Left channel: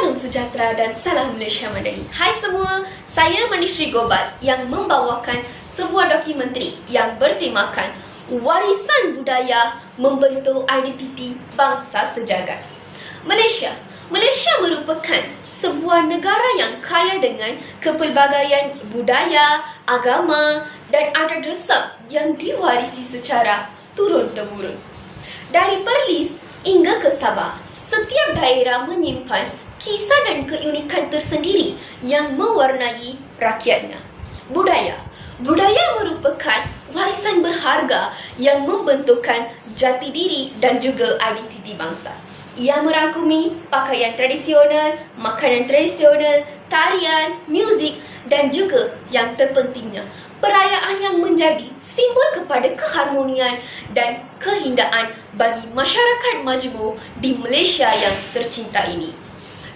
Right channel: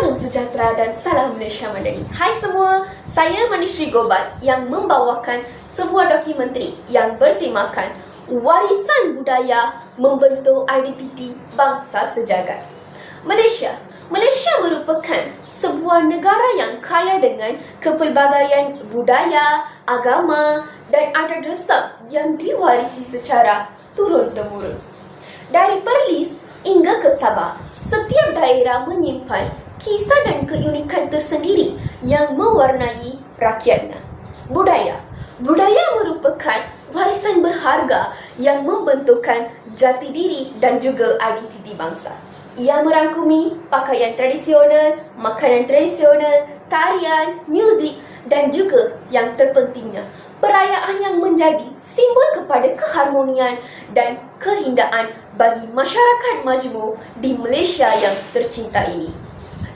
Salam sejahtera dan salam Malaysia Madani. Hai semua, saya Manishri Gobat yang membawakan sebuah dokumentari yang bertemakan Warisan Budaya Membentuk IDPP Bangsa Sejagat. Malaysia Malaysia merupakan sebuah negara yang kaya dengan kepelbagaian budaya, agama dan adat resam yang diwarisi secara turun-temurun. Dari Perlis hingga ke Sabah, setiap daerah menyimpan kisah dan keunikan tersendiri yang mewarnai rakyatnya. Budaya Budaya merupakan warisan berharga yang membentukkan jati diri dan juga identiti bangsa. Ia merangkumi pakaian tradisional, makanan tradisional, tarian, muzik dan juga yang terpentingnya perayaan yang menjadi simbol kepada keharmonian dan keindahan bagi masyarakat majmuk di Malaysia yang tercinta ini.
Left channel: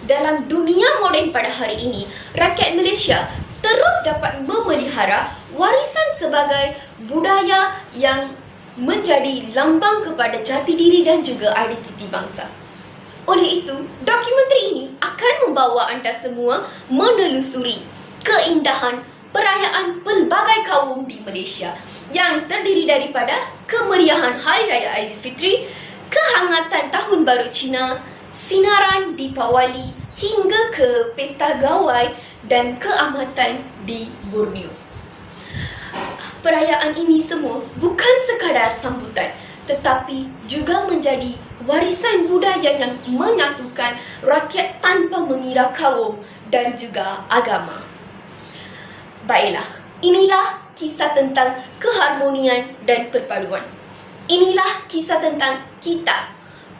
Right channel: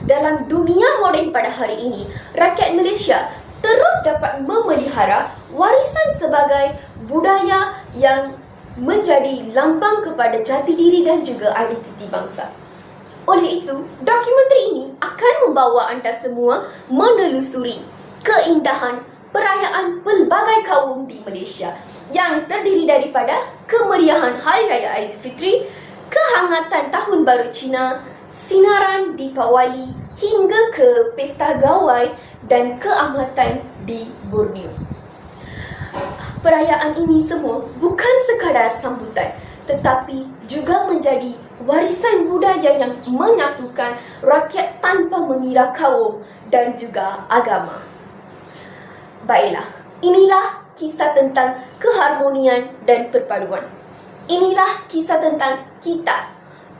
Dalam dunia moden pada hari ini, rakyat Malaysia terus dapat memelihara warisan sebagai budaya yang menjadi lambang kepada jati diri dan juga identiti bangsa. Oleh itu, dokumentari ini akan membawa anda semua menelusuri keindahan perayaan pelbagai kaum di Malaysia yang terdiri daripada kemeriahan Hari Raya Aidilfitri, kehangatan Tahun Baru Cina, sinaran Deepawali hingga ke Pesta Gawai dan keamatan di Borneo. Perayaan ini semua bukan sekadar sambutan tetapi juga menjadi warisan budaya yang menyatukan rakyat tanpa mengira kaum dan juga agama. Baiklah, inilah kisah tentang keharmonian dan perpaduan. Inilah kisah tentang kita,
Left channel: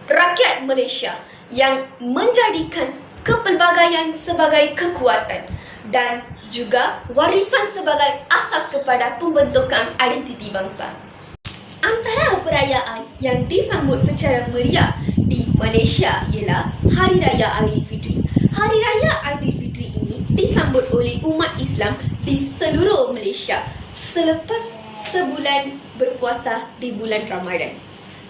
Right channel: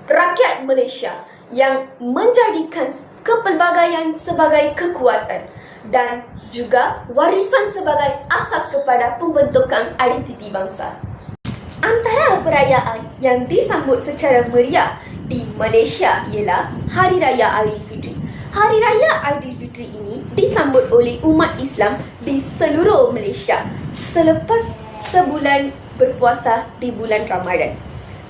rakyat Malaysia yang menjadikan kepelbagaian sebagai kekuatan dan juga warisan sebagai asas kepada pembentukan identiti bangsa. Antara perayaan yang disambut secara meriah di Malaysia ialah Hari Raya Aidilfitri. Hari Raya Aidilfitri ini disambut oleh umat Islam di seluruh Malaysia selepas sebulan berpuasa di bulan Ramadan.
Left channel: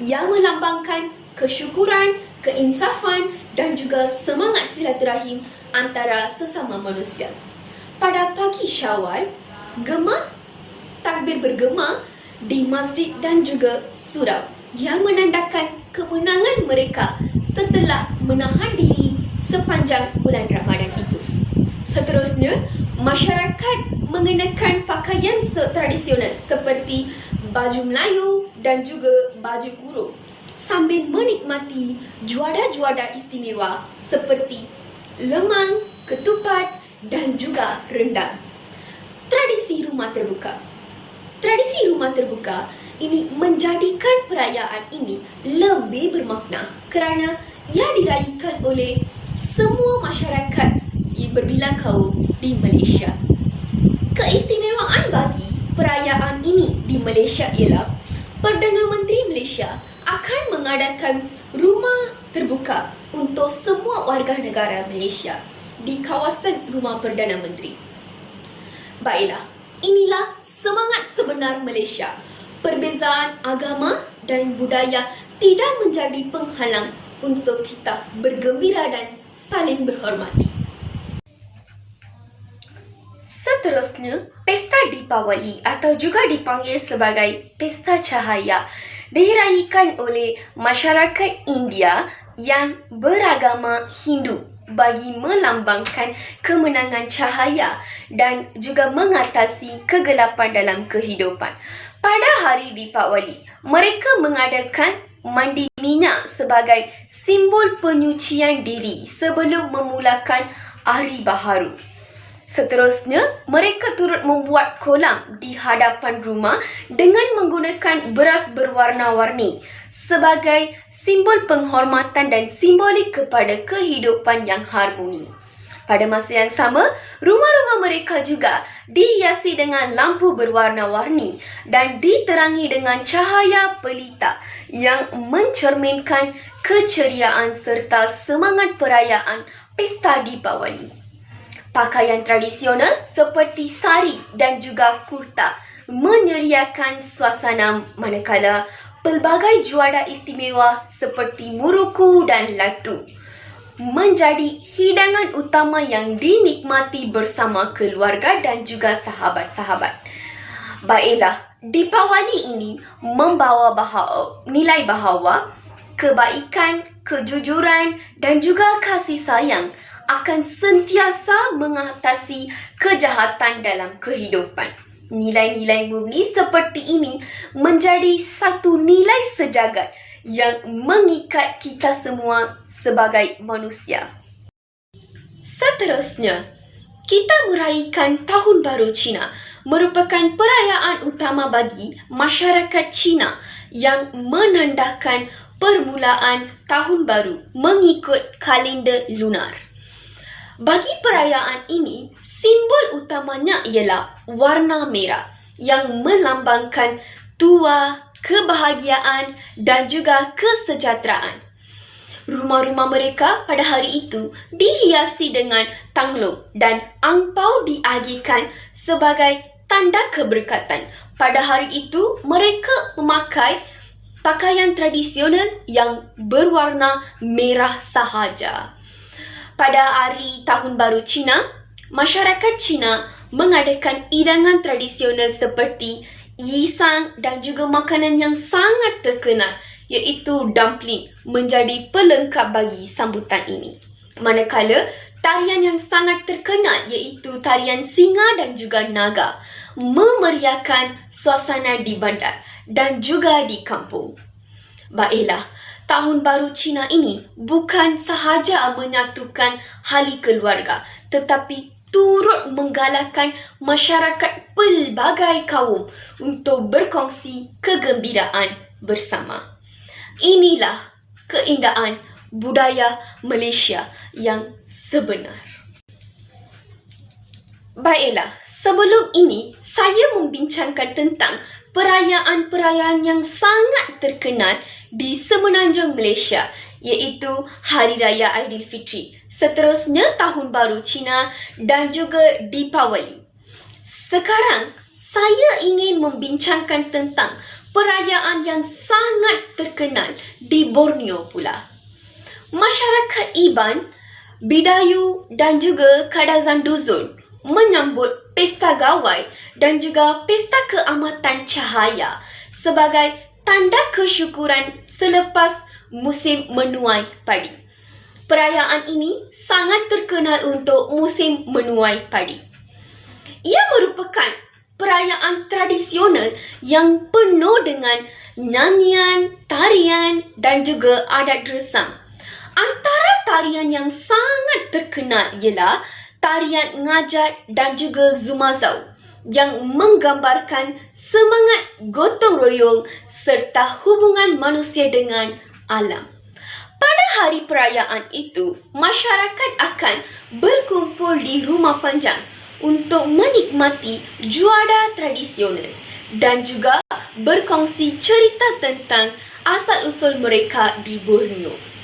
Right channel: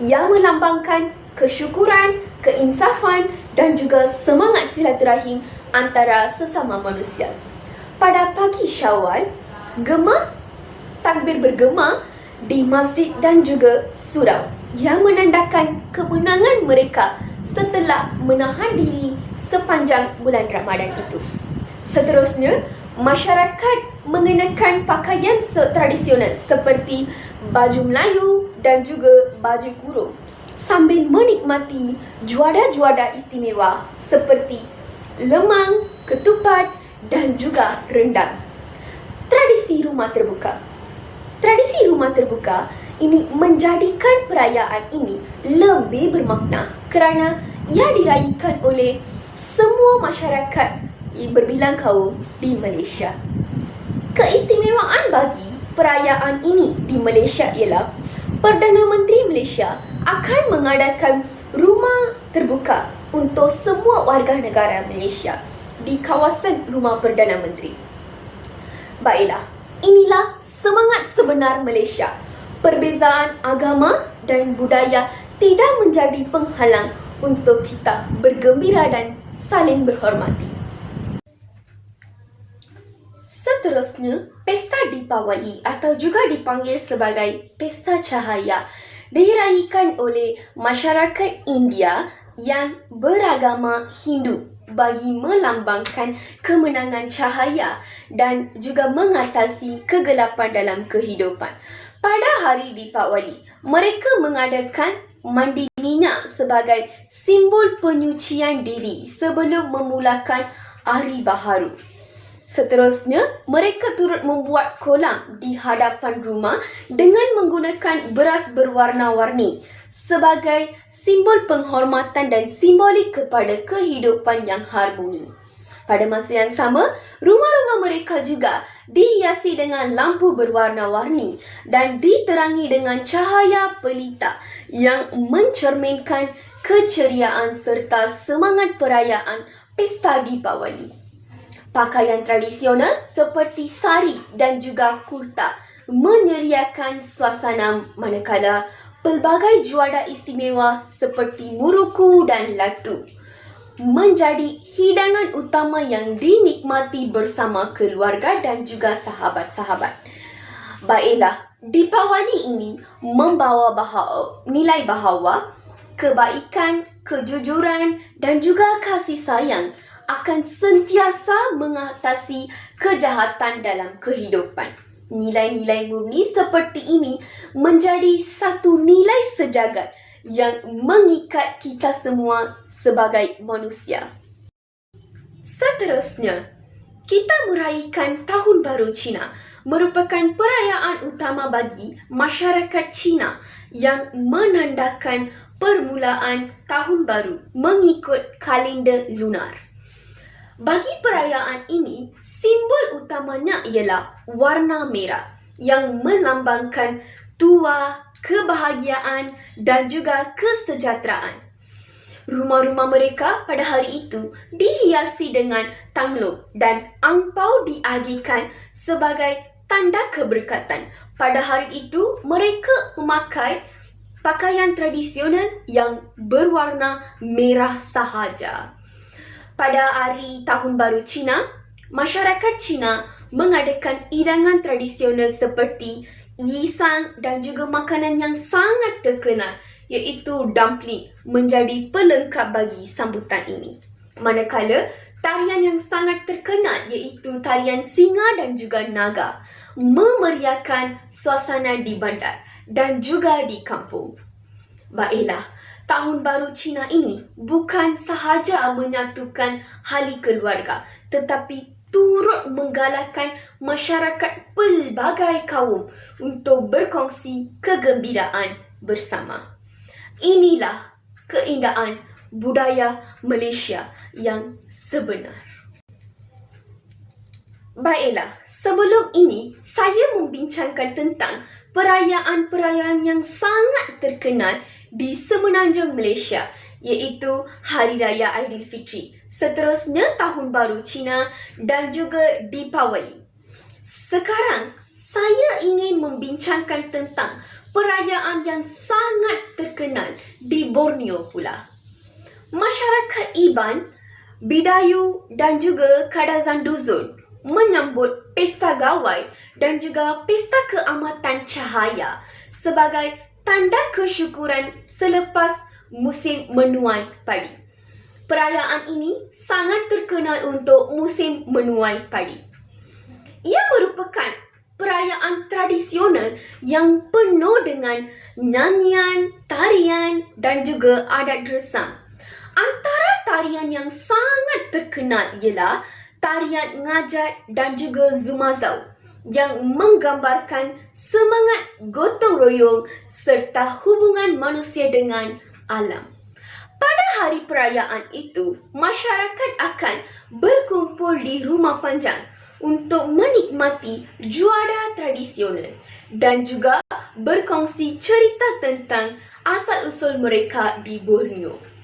Ia melambangkan kesyukuran, keinsafan dan juga semangat silaturahim antara sesama manusia. Pada pagi Syawal, gema takbir bergema di masjid dan juga surau yang menandakan kemenangan mereka setelah menahan diri sepanjang bulan Ramadan itu. Seterusnya, masyarakat mengenakan pakaian tradisional seperti baju Melayu dan juga baju kurung sambil menikmati juada-juada istimewa seperti lemang, ketupat dan juga rendang. Tradisi rumah terbuka Tradisi rumah terbuka ini menjadikan perayaan ini lebih bermakna kerana ia diraihkan oleh semua masyarakat yang berbilang kaum di Malaysia. Keistimewaan bagi perayaan ini di Malaysia ialah Perdana Menteri Malaysia akan mengadakan rumah terbuka untuk semua warga negara Malaysia di kawasan rumah Perdana Menteri. Baiklah, inilah semangat sebenar Malaysia. Perbezaan agama dan budaya tidak menjadi penghalang untuk kita bergembira dan saling berhormati. Seterusnya, Pesta Deepawali atau juga dipanggil sebagai Pesta Cahaya diraihkan oleh masyarakat India yang beragama Hindu bagi melambangkan kemenangan cahaya dan juga mengatasi kegelapan dalam kehidupan. Pada hari Deepawali, mereka mengadakan mandi minyak sebagai simbol penyucian diri sebelum memulakan hari baharu. Seterusnya, mereka turut membuat kolam di hadapan rumah dengan menggunakan beras berwarna-warni sebagai simbol penghormatan dan simbolik kepada kehidupan yang harmoni. Pada masa yang sama, rumah-rumah mereka juga dihiasi dengan lampu berwarna-warni dan diterangi dengan cahaya pelita yang mencerminkan keceriaan serta semangat perayaan Pesta Deepawali pakaian tradisional seperti sari dan juga kurta menyeriakan suasana manakala pelbagai juara istimewa seperti muruku dan latu menjadi hidangan utama yang dinikmati bersama keluarga dan juga sahabat-sahabat. Baiklah, Dipawali ini membawa bahawa, nilai bahawa kebaikan, kejujuran dan juga kasih sayang akan sentiasa mengatasi kejahatan dalam kehidupan. Nilai-nilai murni seperti ini menjadi satu nilai sejagat yang mengikat kita semua sebagai manusia. Seterusnya, kita meraihkan Tahun Baru Cina merupakan perayaan utama bagi masyarakat Cina yang menandakan permulaan tahun baru mengikut kalender lunar. Bagi perayaan ini, simbol utamanya ialah warna merah yang melambangkan tua, kebahagiaan dan juga kesejahteraan. Rumah-rumah mereka pada hari itu dihiasi dengan tanglong dan angpau diagihkan sebagai tanda keberkatan. Pada hari itu, mereka memakai pakaian tradisional yang berwarna merah sahaja. Pada hari Tahun Baru Cina, masyarakat Cina mengadakan hidangan tradisional seperti yisang dan juga makanan yang sangat terkenal iaitu dumpling menjadi pelengkap bagi sambutan ini. Manakala tarian yang sangat terkenal iaitu tarian singa dan juga naga memeriahkan suasana di bandar dan juga di kampung. Baiklah, tahun baru Cina ini bukan sahaja menyatukan hali keluarga tetapi turut menggalakkan masyarakat pelbagai kaum untuk berkongsi kegembiraan bersama. Inilah keindahan budaya Malaysia yang sebenar. Baiklah, sebelum ini saya membincangkan tentang perayaan-perayaan yang sangat terkenal di semenanjung Malaysia iaitu Hari Raya Aidilfitri, seterusnya Tahun Baru Cina dan juga Deepawali. Sekarang saya ingin membincangkan tentang perayaan yang sangat terkenal di Borneo pula. Masyarakat Iban Bidayu dan juga Kadazan Duzun menyambut pesta gawai dan juga pesta keamatan cahaya sebagai tanda kesyukuran selepas musim menuai padi. Perayaan ini sangat terkenal untuk musim menuai padi. Ia merupakan perayaan tradisional yang penuh dengan nyanyian, tarian dan juga adat resam. Antara tarian yang sangat terkenal ialah tarian ngajat dan juga zumazau yang menggambarkan semangat gotong royong serta hubungan manusia dengan alam. Pada hari perayaan itu, masyarakat akan berkumpul di rumah panjang untuk menikmati juada tradisional dan juga berkongsi cerita tentang asal-usul mereka di Borneo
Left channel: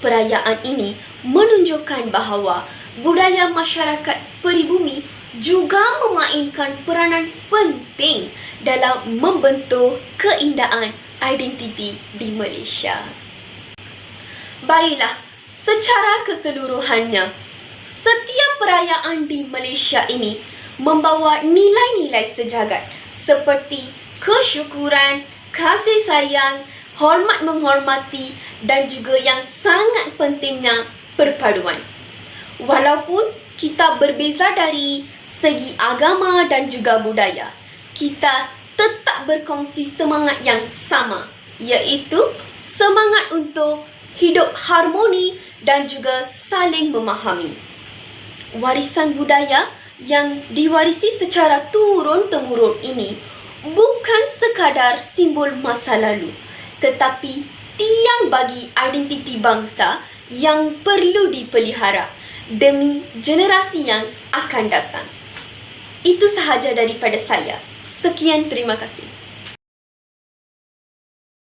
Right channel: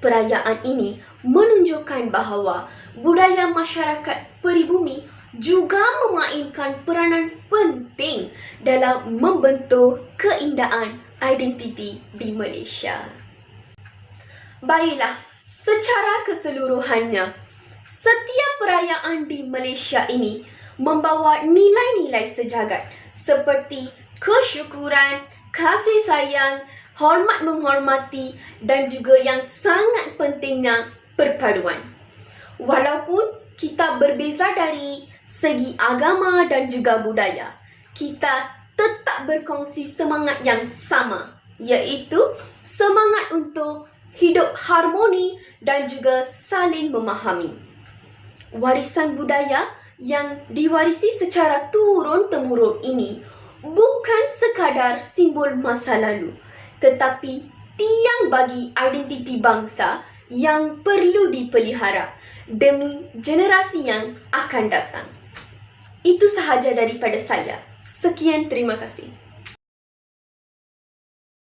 perayaan ini menunjukkan bahawa budaya masyarakat peribumi juga memainkan peranan penting dalam membentuk keindahan identiti di Malaysia. Baiklah, secara keseluruhannya, setiap perayaan di Malaysia ini membawa nilai-nilai sejagat seperti kesyukuran, kasih sayang, hormat menghormati dan juga yang sangat pentingnya perpaduan. Walaupun kita berbeza dari segi agama dan juga budaya, kita tetap berkongsi semangat yang sama, iaitu semangat untuk hidup harmoni dan juga saling memahami. Warisan budaya yang diwarisi secara turun-temurun ini bukan sekadar simbol masa lalu, tetapi tiang bagi identiti bangsa yang perlu dipelihara demi generasi yang akan datang. Itu sahaja daripada saya. Sekian terima kasih.